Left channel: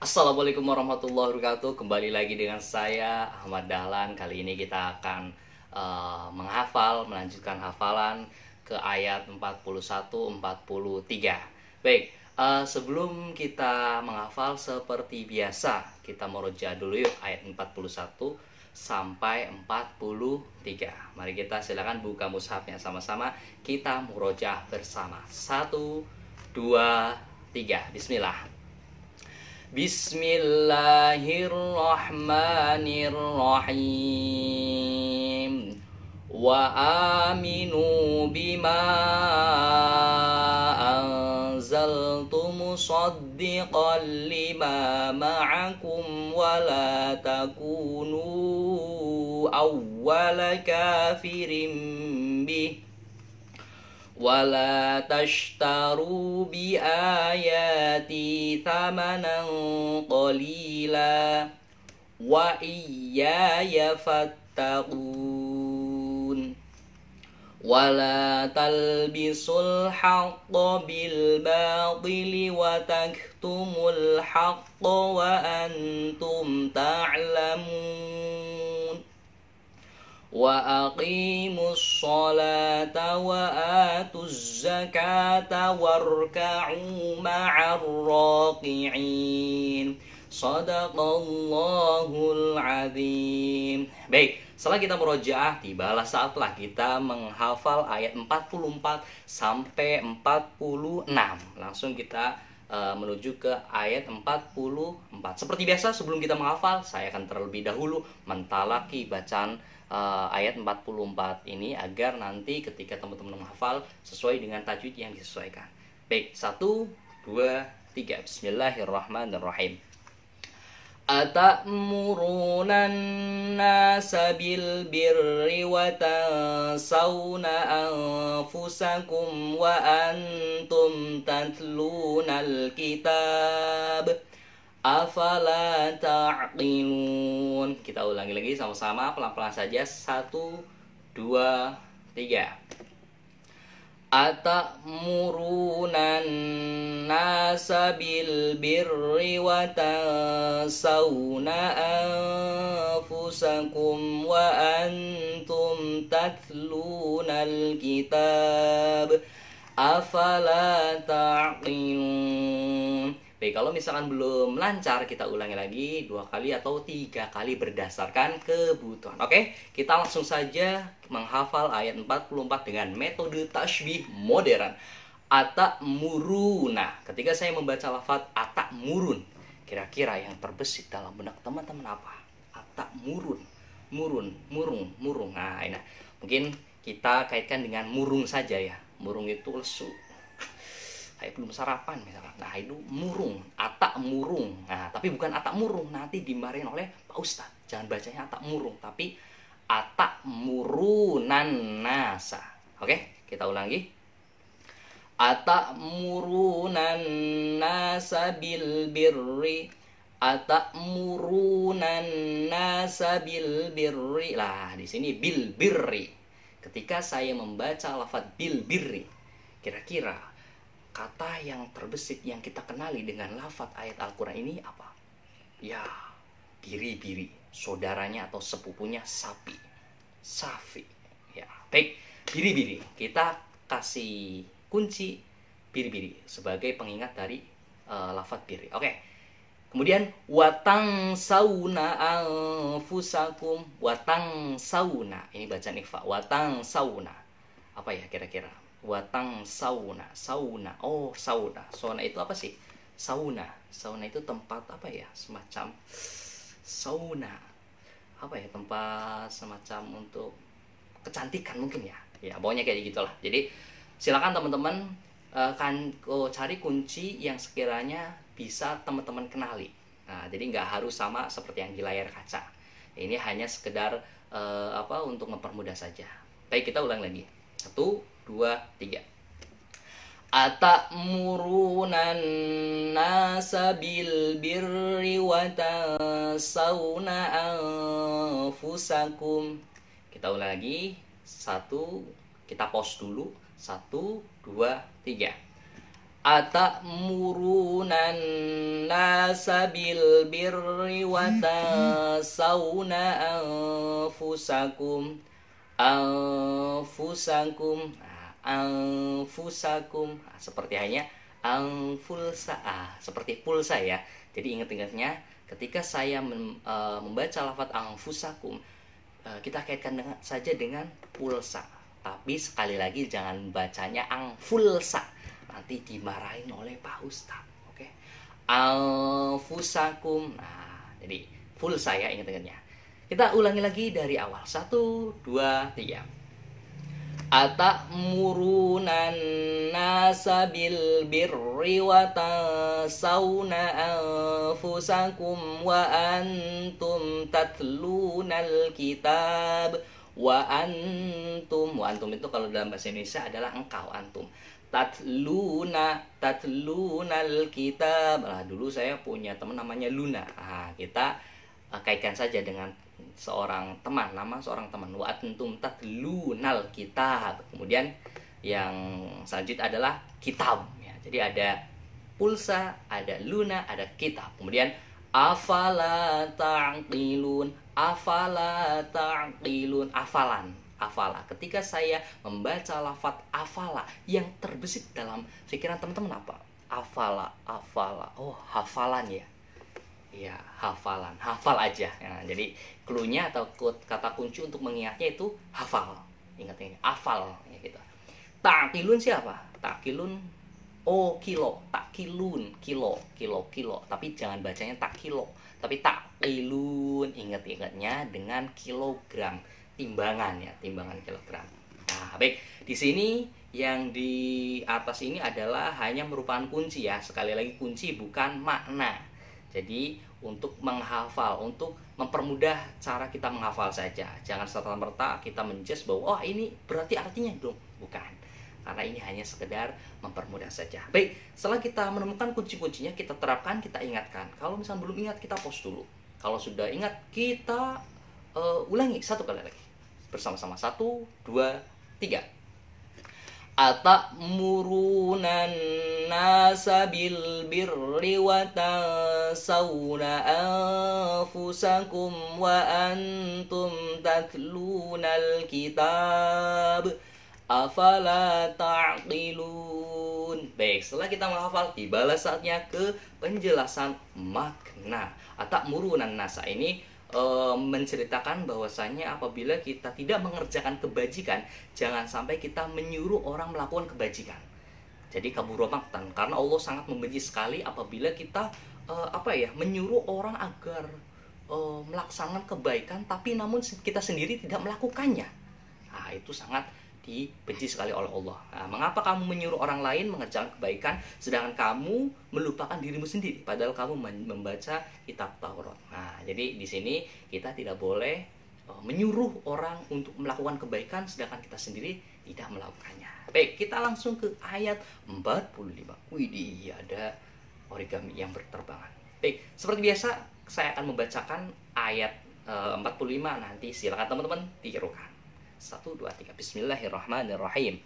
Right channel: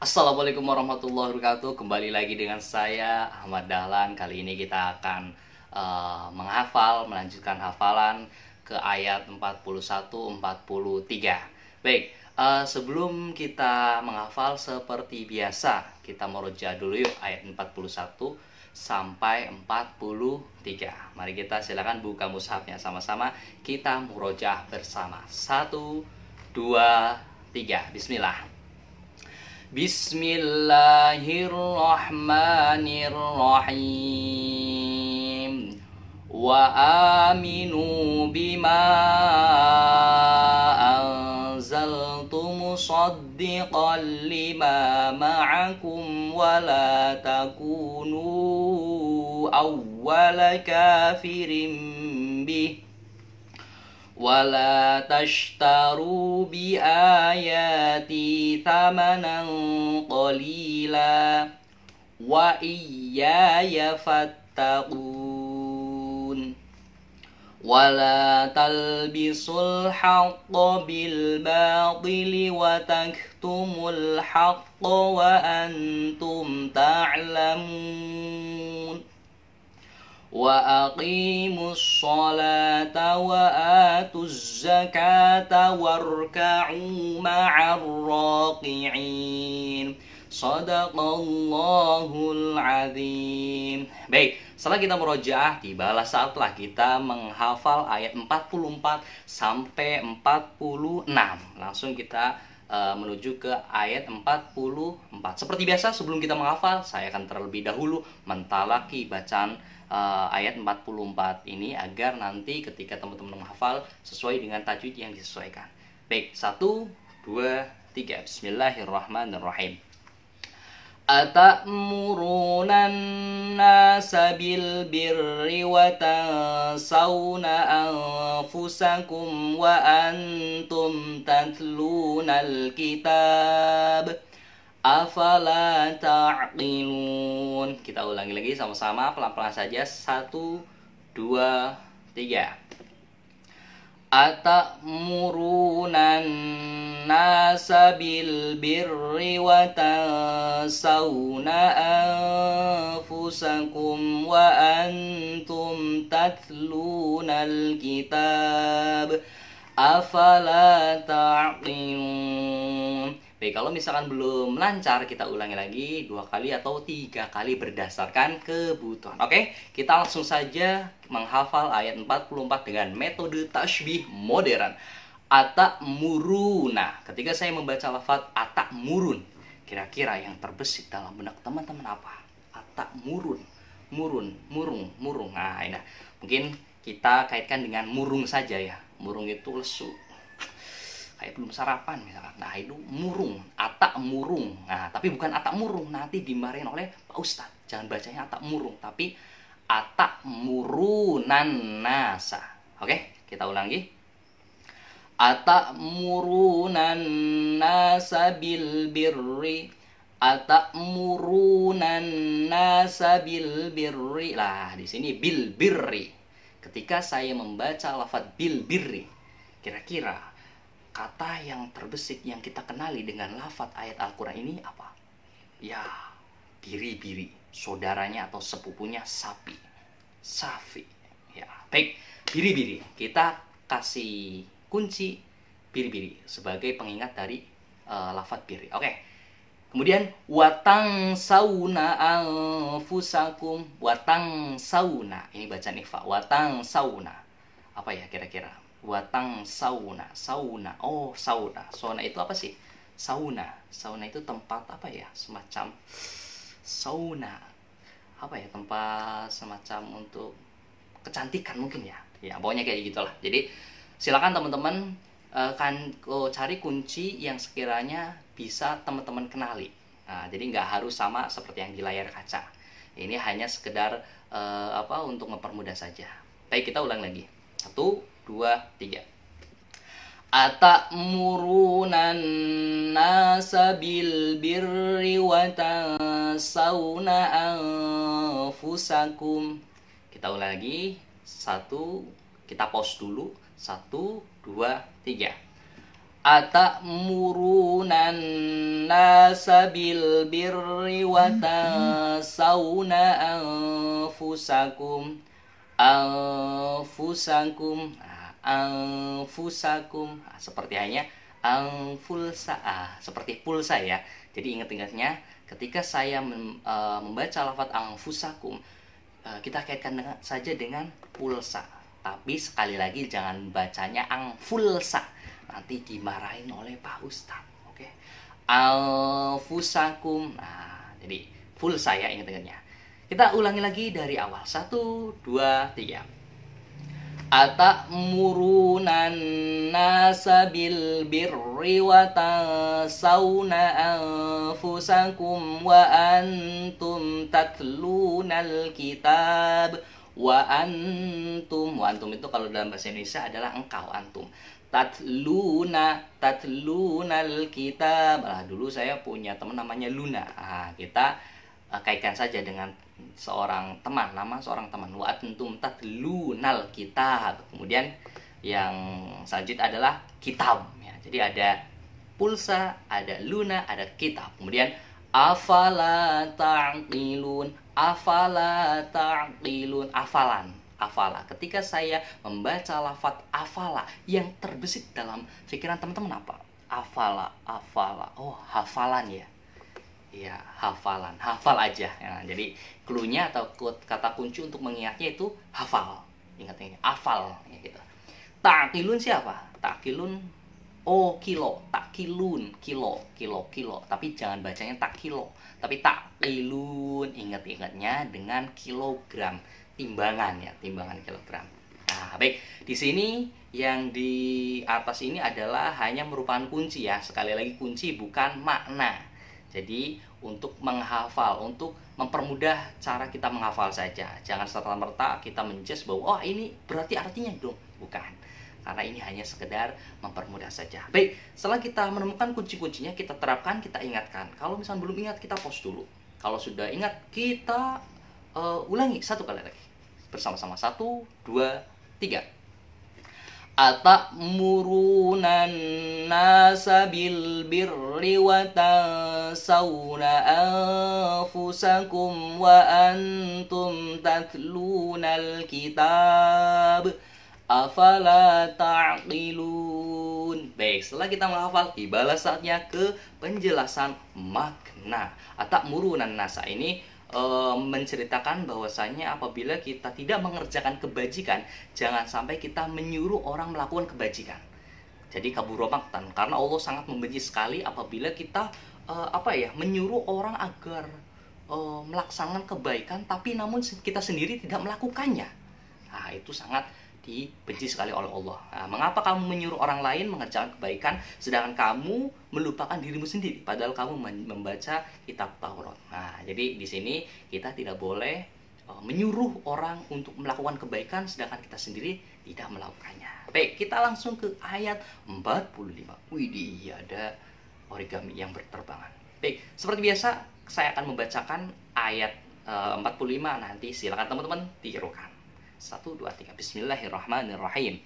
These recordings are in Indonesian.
Assalamualaikum warahmatullahi wabarakatuh. Kembali lagi dengan saya Ahmad Dahlan. Kali ini kita akan melanjutkan hafalan ke ayat 41-43. Baik, sebelum kita menghafal seperti biasa, kita meroja dulu yuk ayat 41 sampai 43. Mari kita silakan buka mushafnya sama-sama, kita merojah bersama. 1, 2, 3. Bismillah. Bismillahirrahmanirrahim. Wa aminu bima anzaltu musaddiqan lima ma'akum wa la takunu awwala kafirin bih ولا تشتروا بآياتي ثمنا قليلا وإياي فاتقون ولا تلبسوا الحق بالباطل وتكتموا الحق وأنتم تعلمون وأقيموا الصلاة وآتوا الزكاة واركعوا مع الراكعين. Shadaqallahul azim. Baik, setelah kita merojaah, tibalah saatlah kita menghafal ayat 44 sampai 46. Langsung kita menuju ke ayat 44. Seperti biasa, sebelum kita menghafal, saya akan terlebih dahulu mentalaki bacaan ayat 44 ini agar nanti ketika teman-teman menghafal sesuai dengan tajwid yang disesuaikan. Baik, 1, 2, 3. Bismillahirrahmanirrahim. Atamuruna an-nasa bil birri wa tansawna anfusakum wa antum tatluna al-kitab afala ta'qilun. Kita ulangi lagi sama-sama, pelan-pelan saja. 1, 2, 3. Atamuruna an-nasa bil birri wa tansawna anfusakum wa antum tatluna al-kitab afala ta'qilun. Baik, kalau misalkan belum lancar, kita ulangi lagi 2 kali atau 3 kali berdasarkan kebutuhan. Oke, kita langsung saja menghafal ayat 44 dengan metode tasbih modern. Atamuruna. Ketika saya membaca lafaz atamurun, kira-kira yang terbesit dalam benak teman-teman apa? Atamurun, murun, murung. Nah, ini mungkin kita kaitkan dengan murung saja ya. Murung itu lesu, kayak belum sarapan misalkan. Nah, itu murung, atak murung. Nah, tapi bukan atak murung, nanti dimarahin oleh Pak Ustadz. Jangan bacanya atak murung, tapi atak murunan nasa. Oke, kita ulangi. Atak murunan nasa bil birri. Atak murunan nasa bil birri. Lah, di sini bil birri. Ketika saya membaca lafaz bil birri, kira-kira kata yang terbesit yang kita kenali dengan lafaz ayat Al-Quran ini apa? Ya, biri-biri, saudaranya atau sepupunya sapi, safi. Ya, baik, biri-biri. Kita kasih kunci biri-biri sebagai pengingat dari lafaz biri. Oke. Kemudian watang sauna anfusakum, watang sauna. Ini bacaan ikhfa. Watang sauna. Apa ya kira-kira? Watang sauna, sauna. Oh, sauna. Sauna itu apa sih? Sauna. Sauna itu tempat apa ya? Semacam sauna. Apa ya? Tempat semacam untuk kecantikan mungkin ya. Ya, pokoknya kayak gitulah. Jadi, silakan teman-teman cari kunci yang sekiranya bisa teman-teman kenali. Nah, jadi nggak harus sama seperti yang di layar kaca. Ini hanya sekedar untuk mempermudah saja. Baik, kita ulang lagi. 1, 2, 3. Atamuruna an-nasa bil birri wa tansawna anfusakum. Kita ulang lagi. 1, kita pause dulu. 1, 2, 3. Atamuruna nasa bil birri wa tansawna anfusakum anfusakum. Seperti hanya seperti pulsa ya. Jadi ingat-ingatnya ketika saya membaca lafaz anfusakum, kita kaitkan saja dengan pulsa. Tapi sekali lagi jangan bacanya angfulsa, nanti dimarahin oleh Pak Ustadz. Oke, anfusakum. Nah, jadi pulsa ya, ingat-ingatnya. Kita ulangi lagi dari awal. 1, 2, 3. Atamuruna nasa bil birri wa tansawna anfusakum wa antum tatlunal kitab. Wa antum itu kalau dalam bahasa Indonesia adalah engkau, antum. Tatlunal kitab. Dulu saya punya teman namanya Luna. Kita kaitkan saja dengan seorang teman, nama seorang teman. Wa antum tatlunal kitab. Kemudian yang selanjutnya adalah kitab ya. Jadi ada pulsa, ada Luna, ada kitab. Kemudian afala ta'qilun, afala. Ketika saya membaca lafaz afala, yang terbesit dalam pikiran teman-teman apa? Afala. Oh, hafalan ya. Ya, hafalan. Hafal aja. Ya, jadi clue-nya atau kata kunci untuk mengingatnya itu hafal. Ingat ini, hafal ya gitu. Ta'qilun siapa? Ta'qilun kilo, takkilun, kilo. Tapi jangan bacanya tak kilo, tapi takkilun. Ingat-ingatnya dengan kilogram, timbangan ya, timbangan kilogram. Nah, baik. Di sini yang di atas ini adalah hanya merupakan kunci ya. Sekali lagi kunci, bukan makna. Jadi untuk menghafal, untuk mempermudah cara kita menghafal saja. Jangan serta-merta kita menjudge bahwa oh ini berarti artinya dong. Bukan. Karena ini hanya sekedar mempermudah saja. Baik, setelah kita menemukan kunci-kuncinya, kita terapkan, kita ingatkan. Kalau misalnya belum ingat, kita pause dulu. Kalau sudah ingat, kita ulangi satu kali lagi. Bersama-sama. 1, 2, 3. Atamuruna nasa bil birri wa tansawna anfusakum wa antum tatlunal kitab. Afala ta'qilun. Baik, setelah kita menghafal, tibalah saatnya ke penjelasan makna. Atamuruna nasa ini menceritakan bahwasanya apabila kita tidak mengerjakan kebajikan, jangan sampai kita menyuruh orang melakukan kebajikan. Jadi kabura maqtan, karena Allah sangat membenci sekali apabila kita menyuruh orang agar melaksanakan kebaikan, tapi namun kita sendiri tidak melakukannya. Nah, itu sangat dibenci sekali oleh Allah. Nah, mengapa kamu menyuruh orang lain mengerjakan kebaikan sedangkan kamu melupakan dirimu sendiri padahal kamu membaca kitab Taurat. Nah, jadi di sini kita tidak boleh menyuruh orang untuk melakukan kebaikan sedangkan kita sendiri tidak melakukannya. Baik, kita langsung ke ayat 45. Widih, ada origami yang berterbangan. Baik, seperti biasa saya akan membacakan ayat 45, nanti silakan teman-teman tirukan. 1, 2, 3. Bismillahirrahmanirrahim.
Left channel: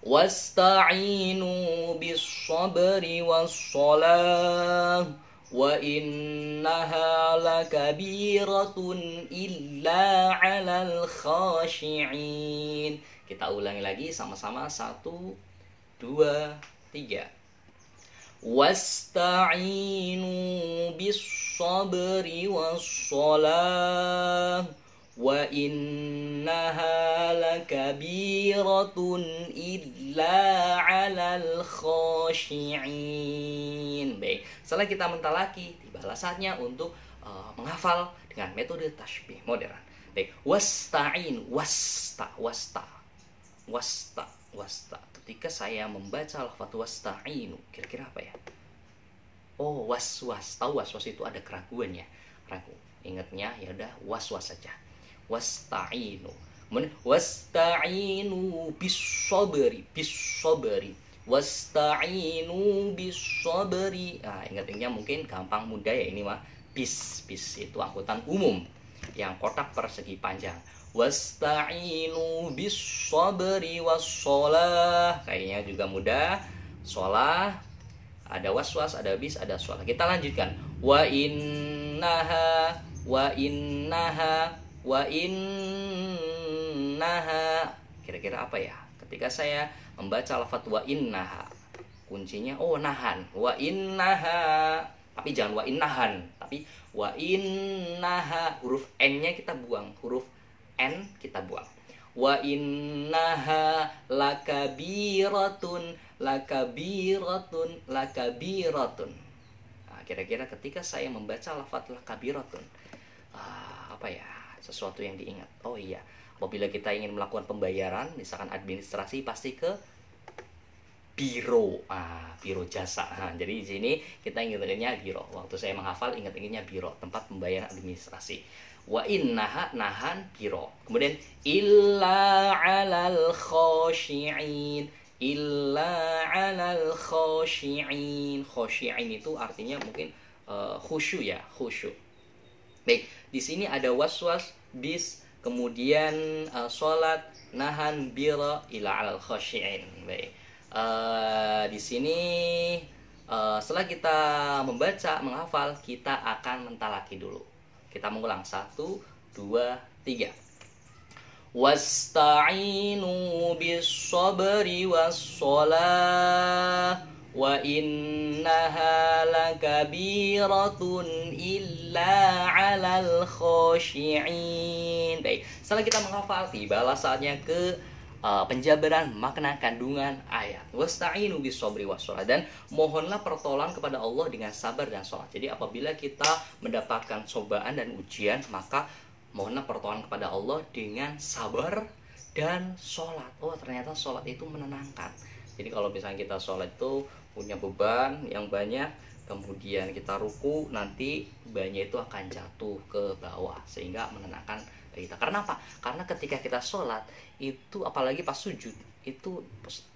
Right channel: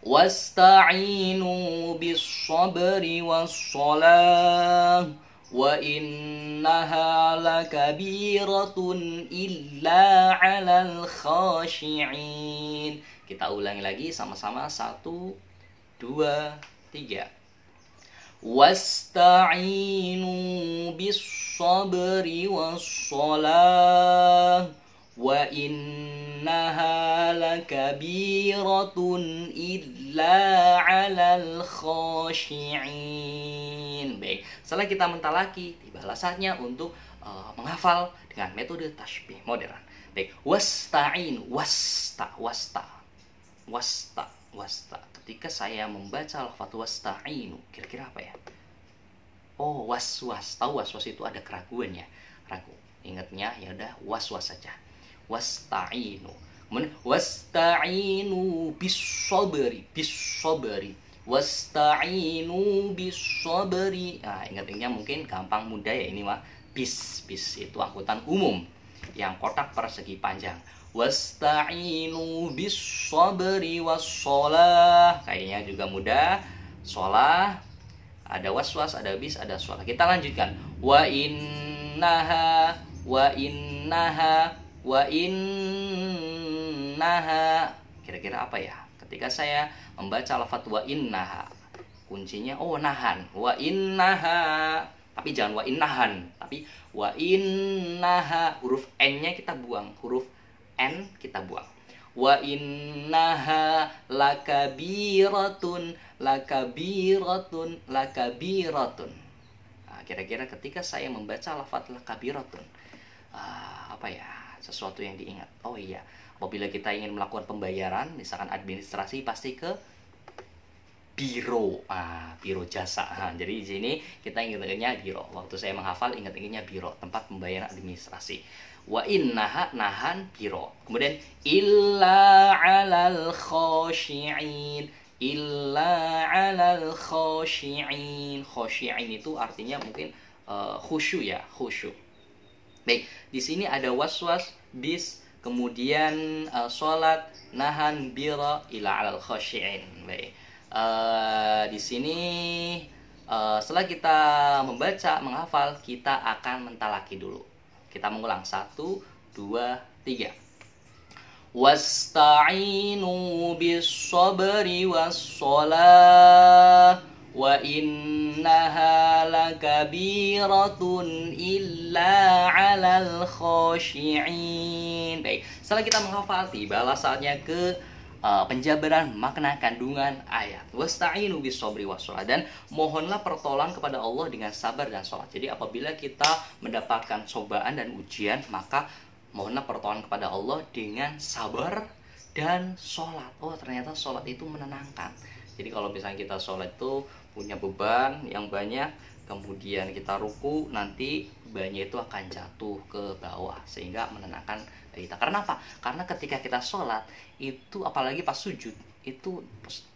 Wasta'inu bis-sabri was-salah wa innaha lakabiratun illa 'alal khashi'in. Kita ulangi lagi sama-sama. 1, 2, 3. Wasta'inu bis-sabri was-salah wa innaha lakabiratun illa 'alal khashi'in. Baik, setelah kita mentalaki, tibalah saatnya untuk menghafal dengan metode tasbih modern. Baik, wasta'in, wasta. Ketika saya membaca lafaz wasta'inu, kira-kira apa ya? Oh, waswas. Tahu waswas itu ada keraguan ya? Ragu. Ingatnya ya udah waswas saja. Wasta'inu. Wasta'inu bis-sabri. Wasta'inu bis-sabri. Nah, ingatnya mungkin gampang mudah ya ini mah. Bis itu angkutan umum yang kotak persegi panjang. Wasta'inu bis-sabri was-shalah. Kayaknya juga mudah. sholah, ada waswas, ada bis, ada sholah. Kita lanjutkan. Wa innaha, wa innaha, wa innaha. Kira-kira apa ya? Ketika saya membaca lafadz wa innaha, kuncinya nahan. Wa innaha. Tapi jangan wa innahan, tapi wa innaha. Huruf N-nya kita buang, huruf N kita buang. Wa innaha lakabiratun, lakabiratun, lakabiratun. Nah, kira-kira ketika saya membaca lafadz lakabiratun, apa ya, sesuatu yang diingat. Oh iya, apabila kita ingin melakukan pembayaran, misalkan administrasi, pasti ke biro, biro jasa. Jadi di sini kita ingat-ingatnya biro. Waktu saya menghafal, ingat-ingatnya biro, tempat pembayaran administrasi. Wa innaha, nahan, biro. Kemudian illa 'alal khashi'in, illa 'alal khashi'in. Khashi'in itu artinya mungkin khusyuk ya, khusyuk. Baik, di sini ada waswas, bis, kemudian sholat, nahan, biro, illa 'alal khashi'in. Baik. Di sini setelah kita membaca, menghafal, kita akan mentalaki dulu. Kita mengulang 1, 2, 3. Wasta'inu bis-sabri was-shalah wa innaha lakabiratun illa 'alal khashi'in. Baik, setelah kita menghafal, tibalah saatnya ke penjabaran makna kandungan ayat. Wasta'inu bis-sabri was-shalah, dan mohonlah pertolongan kepada Allah dengan sabar dan sholat. Jadi apabila kita mendapatkan cobaan dan ujian, maka mohonlah pertolongan kepada Allah dengan sabar dan sholat. Oh, ternyata sholat itu menenangkan. Jadi kalau misalnya kita sholat itu punya beban yang banyak, kemudian kita ruku, nanti bebannya itu akan jatuh ke bawah sehingga menenangkan kita. Karena apa? Karena ketika kita sholat itu, apalagi pas sujud, itu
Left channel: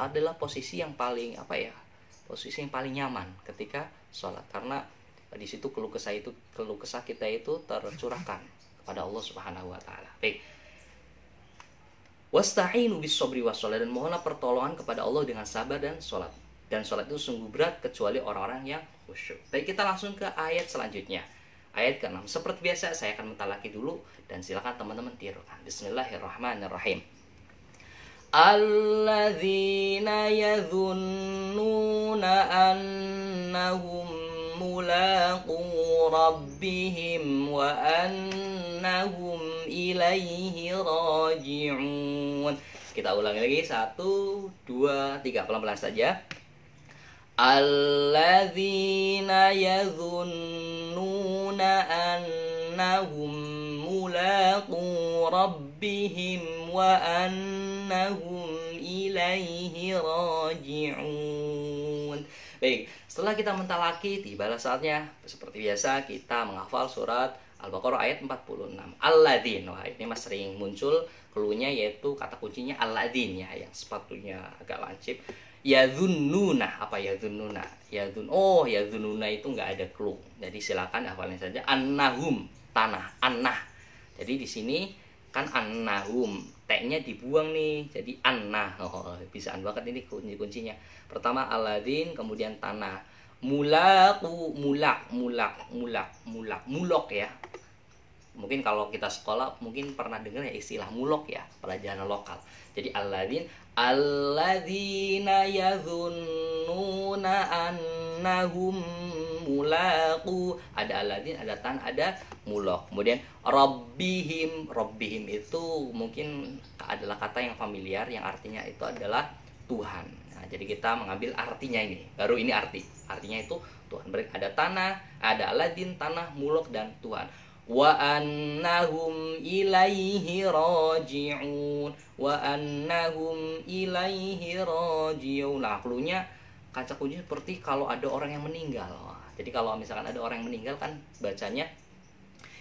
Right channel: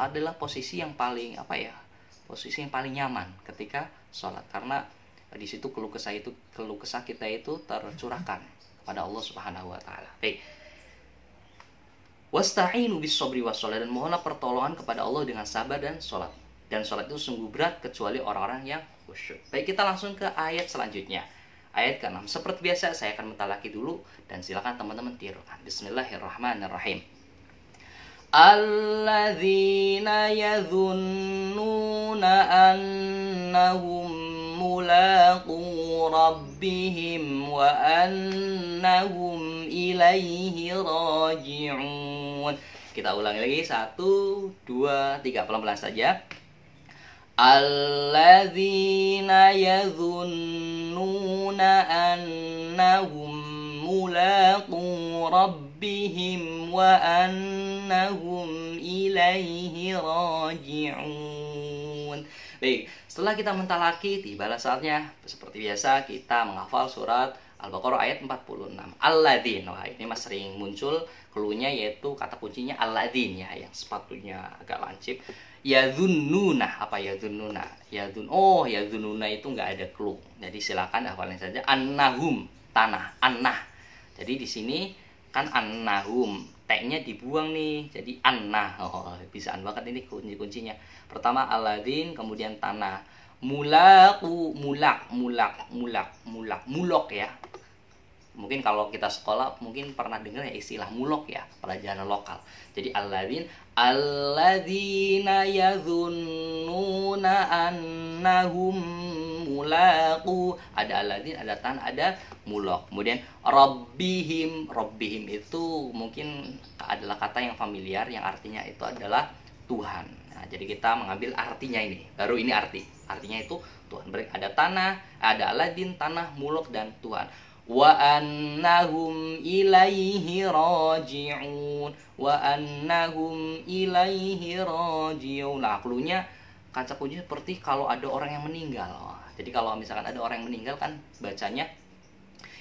adalah posisi yang paling posisi yang paling nyaman ketika sholat, karena di situ keluh kesah kita itu tercurahkan kepada Allah Subhanahu wa taala. Baik. Wasta'inu bis-sabri was-shalah, dan mohonlah pertolongan kepada Allah dengan sabar dan sholat. Dan sholat itu sungguh berat kecuali orang-orang yang khusyuk. Baik, kita langsung ke ayat selanjutnya. Ayat ke-6. Seperti biasa saya akan mentalaki dulu, dan silakan teman-teman tirukan. Bismillahirrahmanirrahim. Alladzina yadhunnuna annahum mulaqu rabbihim wa annahum ilaihi raji'un. Kita ulangi lagi, 1, 2, 3, pelan-pelan saja. Alladzina yadhunnuna annahum mulaqu rabbihim wa annahum ilaihi raji'un. Baik, setelah kita mentalaki, tibalah saatnya seperti biasa kita menghafal surat Al-Baqarah ayat 46. Alladzin. Wah, ini mas sering muncul cluenya, yaitu kata kuncinya alladzin ya, yang sepatunya agak lancip. Yadhunnuna, apa yadhunnuna? Yadhunnuna itu nggak ada clue. Jadi silakan hafalin saja. Annahum, tanah, annah. Jadi di sini kan annahum, T-nya dibuang nih, jadi annah. Bisaan banget ini kuncinya. Pertama alladzin, kemudian tanah. Mulaqu, mulak ya. Mungkin kalau kita sekolah mungkin pernah dengar ya istilah mulok ya, pelajaran lokal. Jadi alladzina yadhunnuna annahum mulaqu, ada alladzin, ada tan, ada mulok. Kemudian rabbihim itu mungkin adalah kata yang familiar, yang artinya itu adalah Tuhan. Nah, jadi kita mengambil artinya ini, baru ini artinya itu Tuhan. Ada tanah, ada alladzin, tanah, mulok, dan Tuhan. Wa annahum ilaihi raji'un, wa annahum ilaihi raji'un. Nah, cluenya, kaca kunci seperti kalau ada orang yang meninggal. Jadi kalau misalkan ada orang yang meninggal kan bacanya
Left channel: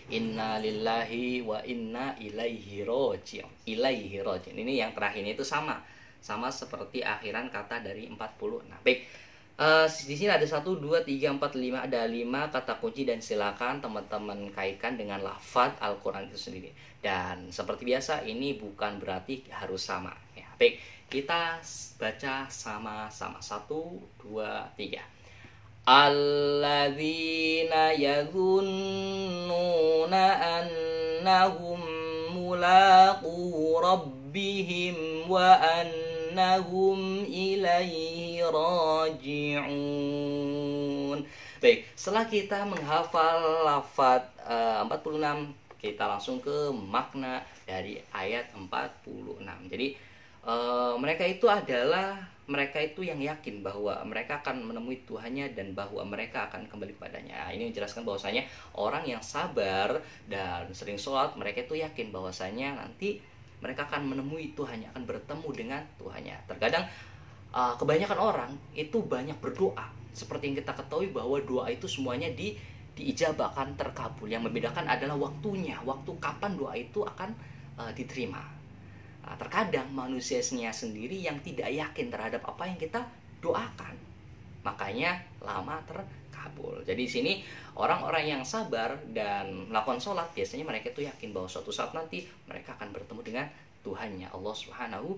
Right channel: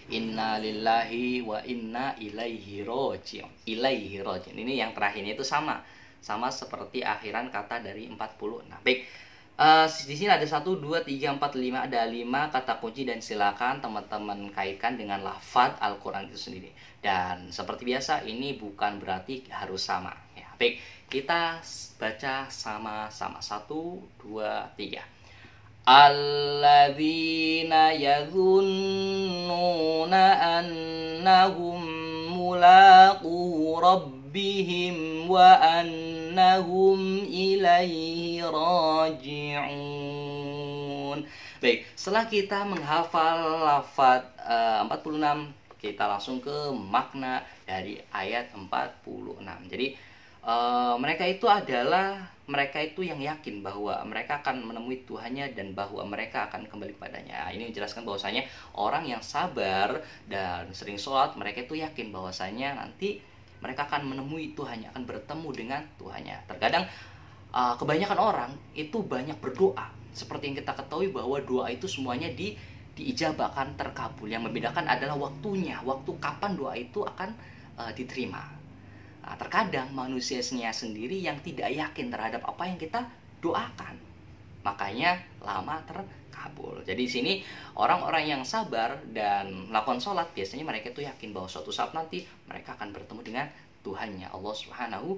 inna lillahi wa inna ilaihi raji'un. Ilaihi raji'un. Ini yang terakhirnya itu sama seperti akhiran kata dari 40. Nah, baik. Di sini ada 1, 2, 3, 4, 5, ada 5 kata kunci, dan silakan teman-teman kaitkan dengan lafadz Al-Quran itu sendiri. Dan seperti biasa, ini bukan berarti harus sama ya. Baik, Kita baca sama-sama. 1, 2, 3. Alladzina yadhunnuna annahum mulaqu rabbihim wa annahum ilaihi raji'un. Baik, setelah kita menghafal lafaz 46, kita langsung ke makna dari ayat 46. Jadi mereka itu yang yakin bahwa mereka akan menemui Tuhannya dan bahwa mereka akan kembali kepadanya. Ini menjelaskan bahwasanya orang yang sabar dan sering sholat, mereka itu yakin bahwasanya nanti mereka akan menemui Tuhannya, akan bertemu dengan Tuhannya. Terkadang kebanyakan orang itu banyak berdoa. Seperti yang kita ketahui bahwa doa itu semuanya diijabahkan, terkabul. Yang membedakan adalah waktunya, waktu kapan doa itu akan diterima. Nah, terkadang manusianya sendiri yang tidak yakin terhadap apa yang kita doakan, makanya lama terkabul. Jadi di sini orang-orang yang sabar dan melakukan sholat, biasanya mereka itu yakin bahwa suatu saat nanti mereka akan bertemu dengan Tuhannya, Allah Subhanahu